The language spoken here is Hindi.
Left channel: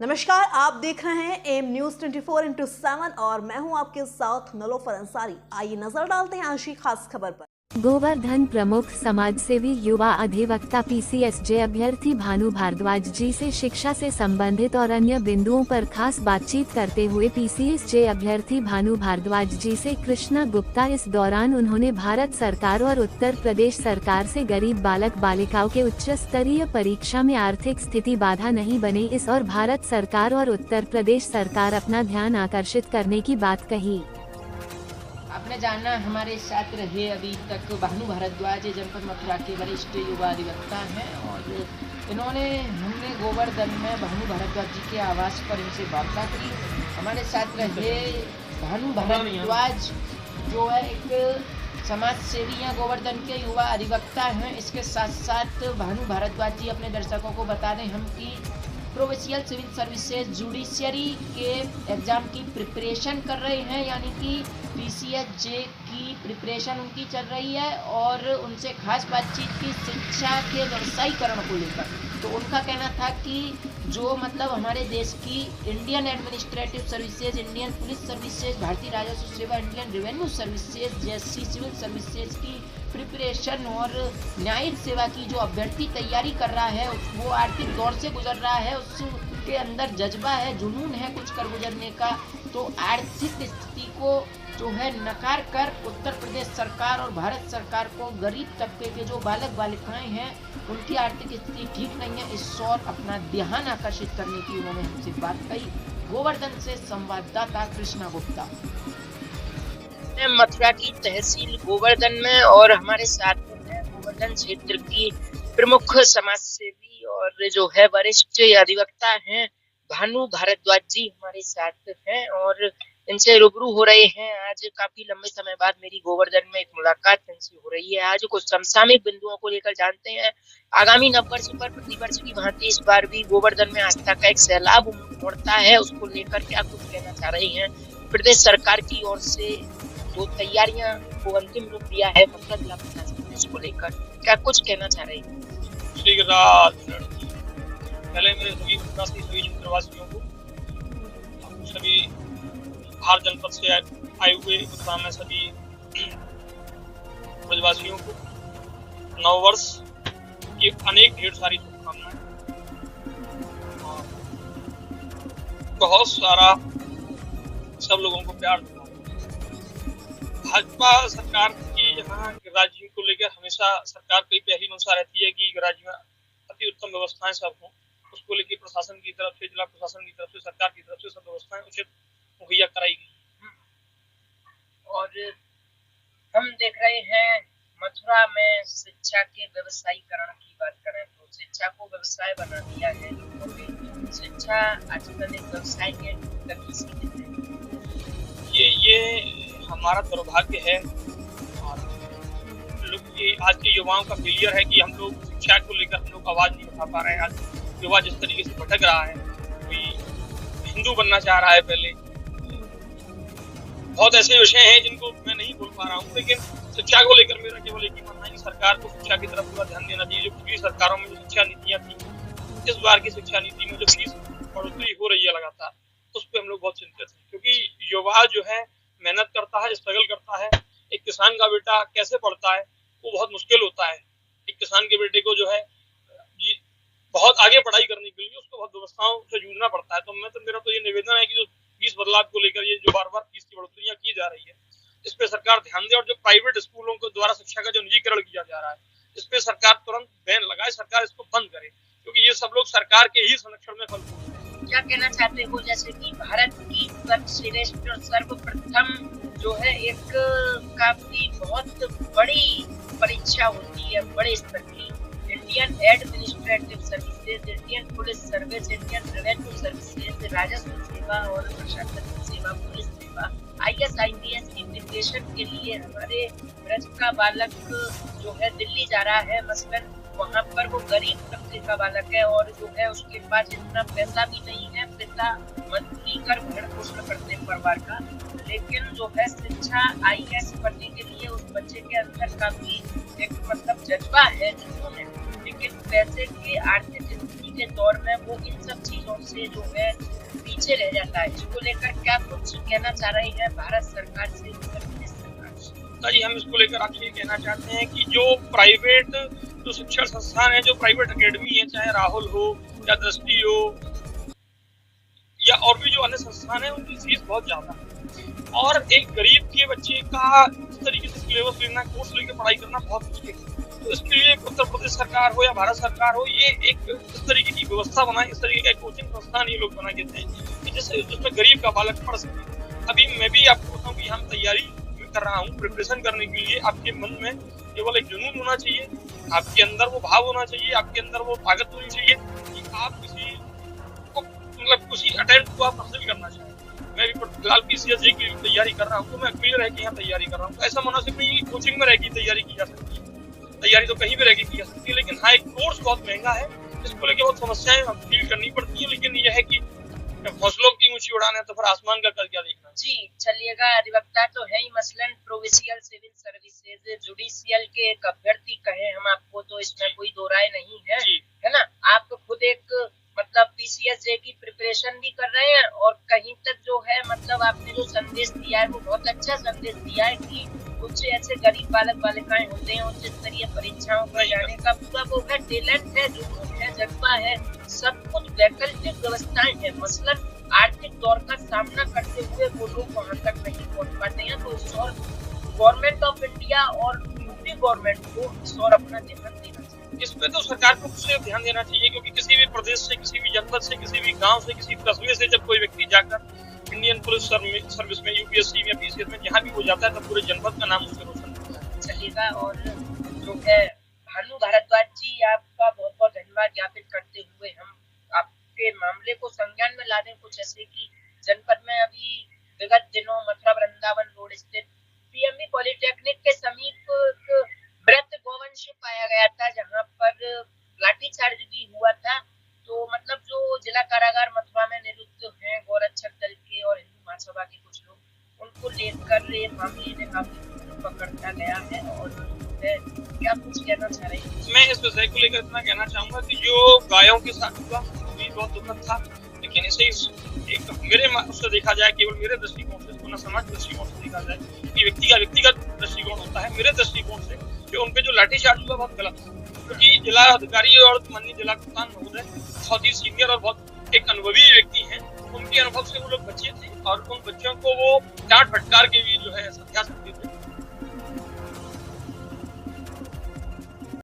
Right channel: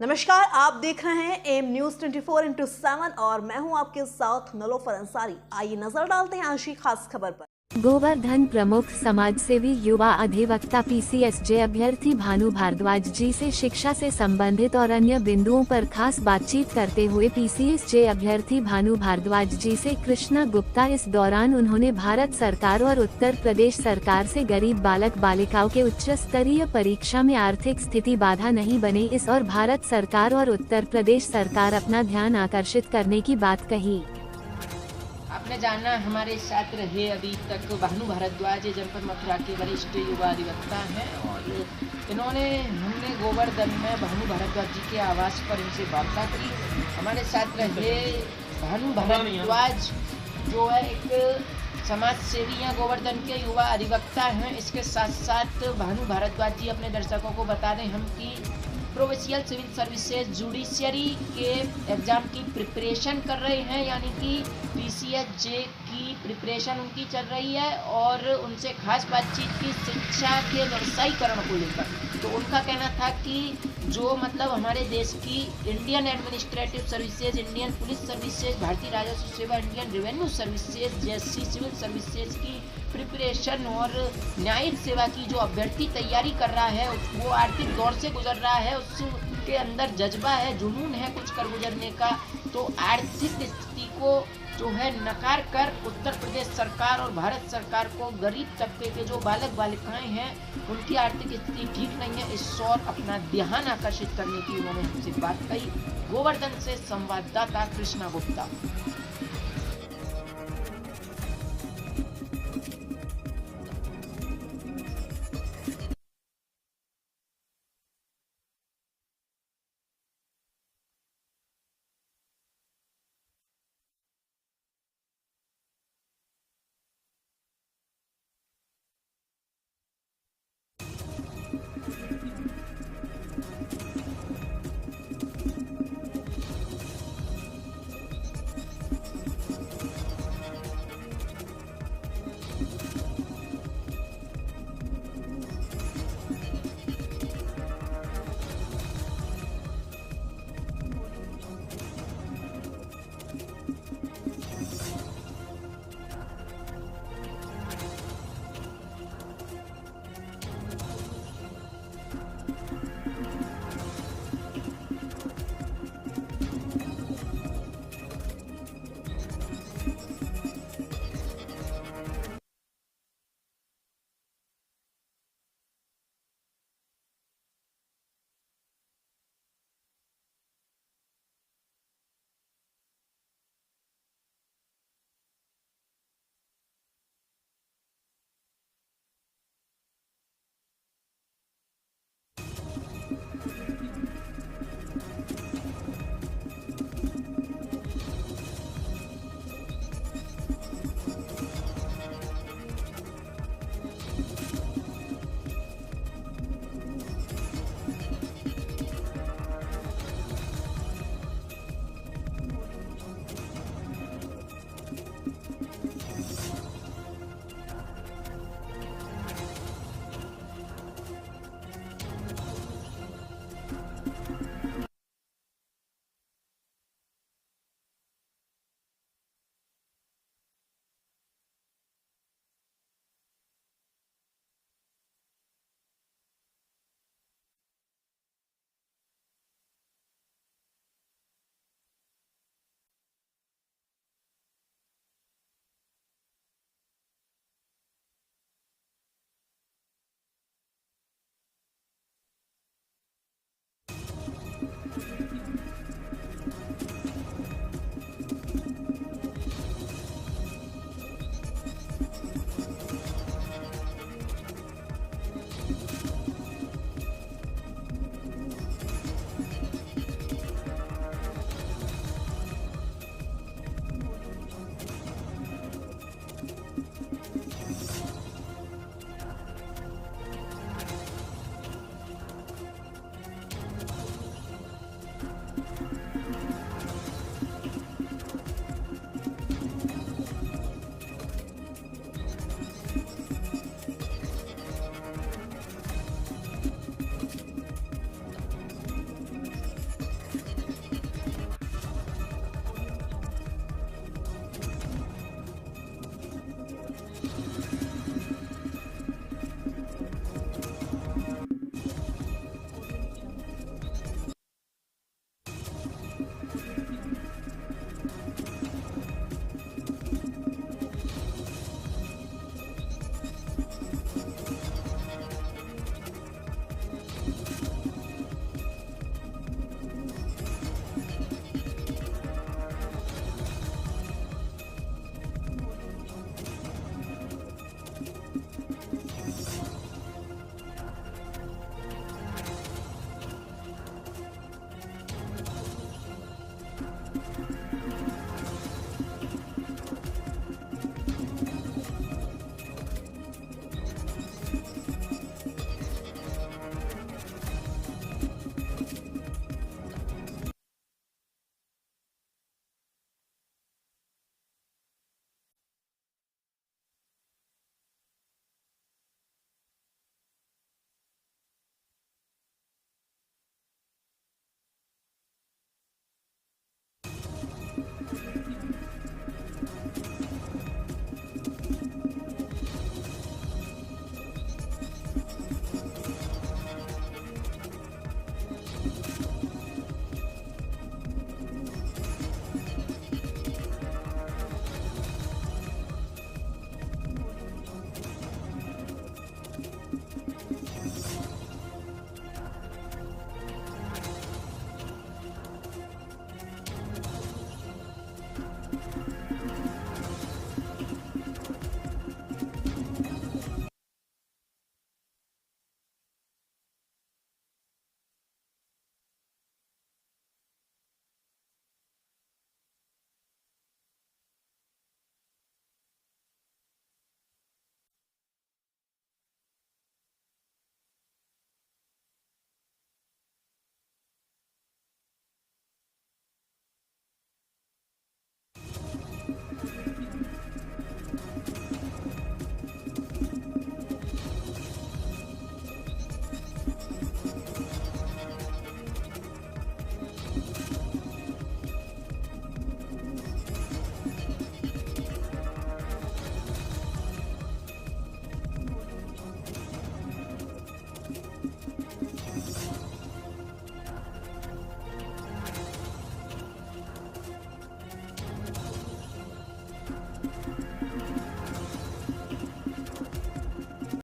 नमस्कार, आप देख रहे हैं एम न्यूज 24/7 और मैं हूं आपके साथ नलोफर अंसारी। आइए नजर डालते हैं आज की खास खबर पर। गोवर्धन प्रमुख समाजसेवी युवा अधिवक्ता पीसीएसजे अभ्यर्थी भानु भारद्वाज जी से शिक्षा से संबंधित और अन्य बिंदुओं पर खास बातचीत करते हुए पीसीएसजे अभ्यर्थी भानु भारद्वाज जी से कृष्णा गुप्ता। इस दौरान उन्होंने भारत सरकार और उत्तर प्रदेश सरकार से गरीब बालक बालिकाओं के उच्च स्तरीय परीक्षा में आर्थिक स्थिति बाधा नहीं बने इस और भारत सरकार और उत्तर प्रदेश सरकार अपना ध्यान आकर्षित करने की बात कही। आपने जाना हमारे साथ रहे अभी तक भानु भारद्वाज जनपद मथुरा के वरिष्ठ युवा अधिवक्ता हैं और हमने गोवर्धन में भानु भारद्वाज जी के आवास पर इनसे वार्ता करी। हमारे साथ रहे भानु भारद्वाज जो है एक समाज सेवी हैं, गोवर्धन के युवा अधिवक्ता हैं। इसके साथ साथ भानु भारद्वाज जी अपने दर्शकों को बता दें हम कि प्रोविंशियल सिविल सर्विसेज जुडिशियरी के एग्ज़ाम की प्रिपरेशन कर रहे हैं, यानी कि पीसीएसजे की प्रिपरेशन उनकी चल रही है और उनसे खास बातचीत की शिक्षा के व्यवसायीकरण को लेकर। तो उनका कहना था कि जो हमारे देश की Indian administrative services, Indian police services, भारतीय राजस्व सेवा, इंडियन रेवेन्यू सर्विसेज जैसी सिविल सर्विसेज की प्रिपरेशन और न्यायिक सेवा की जो अभ्यर्थी तैयारी कर रहा है वो आर्थिक दौर से गुजर रहा है, उसके अंदर जज्बा है, जुनून है कुछ कर गुजरने का। तो आर्थिक स्थिति को जो है नकार कर उत्तर प्रदेश सरकार और भारत सरकार को गरीब तबके के जो बालक बालिकाएं हैं उनकी आर्थिक स्थिति ठीक नहीं है, इस ओर अपना ध्यान आकर्षित करने की उन्होंने हमसे बात कही। गोवर्धन से संवाददाता कृष्णा गुप्ता। मथुरा की तहसील गोवर्धन में और हमारे साथ गोवर्धन क्षेत्र की प्रमुख समाज सेवी और जो है वरिष्ठ अधिवक्ता हैं भानु भारद्वाज जी हमारे साथ हैं और इनसे रूबरू हो रहे हैं। आज काफी लंबे समय बाद मेरी गोवर्धन में एक मुलाकात इनसे हो रही है। आज कुछ समसामयिक बिंदुओं को लेकर जानते हैं। आगामी नववर्ष पर प्रतिवर्ष की भांति इस बार भी गोवर्धन में आस्था का एक सैलाब उमड़ता है, उसको लेकर क्या कुछ कहना चाह रही हैं। प्रदेश सरकार की ओर से जो तैयारियां को अंतिम रूप दिया है उसको लेकर क्या कुछ कहना चाह रही हैं। पहले मेरे सभी क्षेत्रवासियों को, सभी हर जनपद से आए हुए सामने सभी ब्रजवासियों को नववर्ष की अनेक ढेर सारी शुभकामनाएं। बहुत सारा सब लोगों को प्यार। भाजपा सरकार की यहाँ राज्य को लेकर हमेशा सरकार की पहली मंशा रहती है कि राज्य में अति उत्तम व्यवस्थाएं सब हों। उसको लेकर प्रशासन की तरफ से, जिला प्रशासन की तरफ से, सरकार की तरफ से सब व्यवस्थाएं उचित मुहैया कराई गई। और हम देख रहे हैं मथुरा में शिक्षा के व्यवसायीकरण की बात करें तो शिक्षा को व्यवसाय बना दिया है। शिक्षा आजकल एक व्यवसाय के गति से ये हमारा दुर्भाग्य है। आज के युवाओं का फेलियर है कि हम लोग शिक्षा को लेकर हम लोग आवाज नहीं उठा पा रहे हैं। आज युवा जिस तरीके से भटक रहा है, कोई हिंदू बनना चाह रहा है, पहले बहुत ऐसे विषय हैं जिनको मैं नहीं बोल पा रहा हूँ, लेकिन शिक्षा को लेकर मेरा केवल एक ही मानना है कि सरकार को शिक्षा की तरफ पूरा ध्यान देना चाहिए। जो पिछली सरकारों में जो शिक्षा नीतियां थी, इस बार की शिक्षा नीति में जो फीस बढ़ोतरी हो रही है लगातार, उस पर हम लोग बहुत चिंतित हैं। क्योंकि युवा जो है मेहनत करता है, स्ट्रगल करता है। एक किसान का बेटा कैसे पढ़ता है वो बहुत मुश्किल होता है। एक किसान के बेटे को जो है बहुत आगे पढ़ाई करने के लिए उसको बहुत व्यवस्थाओं से जूझना पड़ता है। तो मेरा तो ये निवेदन है कि जो फीस बदलाव को लेकर ये जो बार बार फीस की बढ़ोतरियां की जा रही है, इस पे सरकार ध्यान दे। और जो प्राइवेट स्कूलों के द्वारा शिक्षा का जो निजीकरण किया जा रहा है, इस पे सरकार तुरंत बैन लगाए, सरकार इसको बंद करे, क्योंकि ये सब लोग सरकार के ही संरक्षण में फंसे। क्या कहना चाहते हो, जैसे कि भारत की सर्वश्रेष्ठ और सर्वप्रथम जो है एक काफी बहुत बड़ी परीक्षा होती है, बड़े स्तर की, Indian administrative services, Indian police service, Indian revenue services, राजस्व सेवा और प्रशासनिक सेवा, पुलिस सेवा, IAS की प्रिपरेशन के लिए हमारे ब्रज का बालक जो है दिल्ली जा रहा है। मसलन वहाँ पर वो गरीब तबके का बालक है और जो है उसके पास इतना पैसा भी नहीं है, पिता मंत्री कर भरण पोषण करते हैं परिवार का, लेकिन जो है शिक्षा IAS पढ़ने के लिए उस बच्चे के अंदर काफी एक जज्बा है, लेकिन पैसे के आर्थिक स्थिति के दौर में वो इन सब चीजों से जो है पीछे रह जाता है। इसको लेकर क्या कुछ कहना चाह रही है भारत सरकार से? जी, हम इसको लेकर आपसे ये कहना चाहते हैं कि जो प्राइवेट जो शिक्षण संस्थान है, जो प्राइवेट अकेडमी है, चाहे राहुल हो या दृष्टि हो या और भी जो अन्य संस्थान है, उनकी फीस बहुत ज्यादा है और एक गरीब के बच्चे का इस तरीके से सिलेबस लेना, कोर्स लेकर पढ़ाई करना बहुत मुश्किल है। तो इसके लिए उत्तर प्रदेश सरकार हो या भारत सरकार हो, ये एक इस तरीके की व्यवस्था बनाए, इस तरीके का कोचिंग संस्थान ये लोग बना देते हैं जिसमें गरीब का बालक पढ़ सके। अभी मैं भी आपको बताऊँ कि हम तैयारी कर रहा हूँ प्रिपरेशन करने के लिए। आपके मन में केवल एक जुनून होना चाहिए, आपके अंदर वो भाव होना चाहिए, आपके अंदर वो ताकत होनी चाहिए कि आप किसी को मतलब किसी अटेम्प्ट को आप हासिल करना चाहिए। मैं भी फिलहाल PCSJ की तैयारी कर रहा हूँ, तो मैं अकेले रह के यहाँ तैयारी कर रहा हूँ। ऐसा मुनासिब नहीं कि कोचिंग में रह के तैयारी की जा सकती है, तैयारी तो कहीं भी रह के की जा सकती है, लेकिन हाँ एक कोर्स बहुत महंगा है, इसको लेकर बहुत समस्याएं फील करनी पड़ती है। लेकिन यह है कि हौसलों की ऊंची उड़ान है तो फिर आसमान का कर क्या देखना। जी चलिएगा, अधिवक्ता तो है ही, मसलन प्रोविंशियल सिविल सर्विसेज जुडिशियल के एक अभ्यर्थी कहे हम आपको, तो इसमें कोई दो राय नहीं है, है ना। आप खुद एक मतलब PCSJ की प्रिपरेशन भी कर रहे हैं और कहीं तक जो है मतलब आपने जो संदेश दिया है वो बहुत अच्छा संदेश दिया है कि कुछ ऐसे गरीब बालक बालिकाएं होते हैं उच्च स्तरीय परीक्षाओं पर जाने का पूरा वो है, टैलेंट है, जुनून है, जज्बा है, सब कुछ वैकल्पिक व्यवस्थाएं हैं। मसलन आर्थिक दौर का सामना करते हुए वो लोग वहाँ तक नहीं पहुँच पाते हैं, तो उस और गवर्नमेंट ऑफ इंडिया और यूपी गवर्नमेंट को इस और अपना ध्यान देना चाहिए। इस पे तो सरकार को खुद ध्यान देना चाहिए, क्योंकि किसी भी प्रदेश से, किसी भी जनपद से, किसी भी गांव से, किसी कस्बे से जब कोई व्यक्ति जाकर इंडियन पुलिस सर्विस में, UPSC में, PCS में जहाँ भी हो जाता है तो पूरे जनपद का नाम उसमें चलेगा। और जो है भानु भारद्वाज जी, आपका बहुत बहुत धन्यवाद ज्ञापित करते हुए हम आपके मामले को संज्ञान में ला दें कुछ ऐसे कि जनपद में अभी विगत दिनों मथुरा वृंदावन रोड स्थित PMB पॉलिटेक्निक के समीप मृत गौवंश पाया गया था, जहां पर लाठीचार्ज भी हुआ था। तो मतलब जो जिला कारागार मथुरा में निरुद्ध हैं गौरक्षक दल के और हिंदू महासभा के कुछ लोग, उनको लेकर ये मामले में काफी पकड़ा गया है। और क्या कुछ कहना चाह रहे हैं? मैं इस विषय को लेकर इतना कहना चाहूंगा कि जो गायों के साथ हुआ भी बहुत दुखद था, लेकिन इसे मेरे उससे देखा जाए, केवल मेरे दृष्टिकोण से, पूर्ण समाज दृष्टिकोण से देखा जाए कि व्यक्ति का व्यक्तिगत दृष्टिकोण होता है। मेरे दृष्टिकोण से जो उनपे जो लाठीचार्ज हुआ बहुत गलत था, क्योंकि जिला अधिकारी और माननीय जिला कप्तान महोदय बहुत ही सीनियर और बहुत एक अनुभवी व्यक्ति हैं। उनके अनुभव से वो लोग बच्चे थे और उन बच्चों को वो डांट फटकार के भी जो है समझा सकते थे।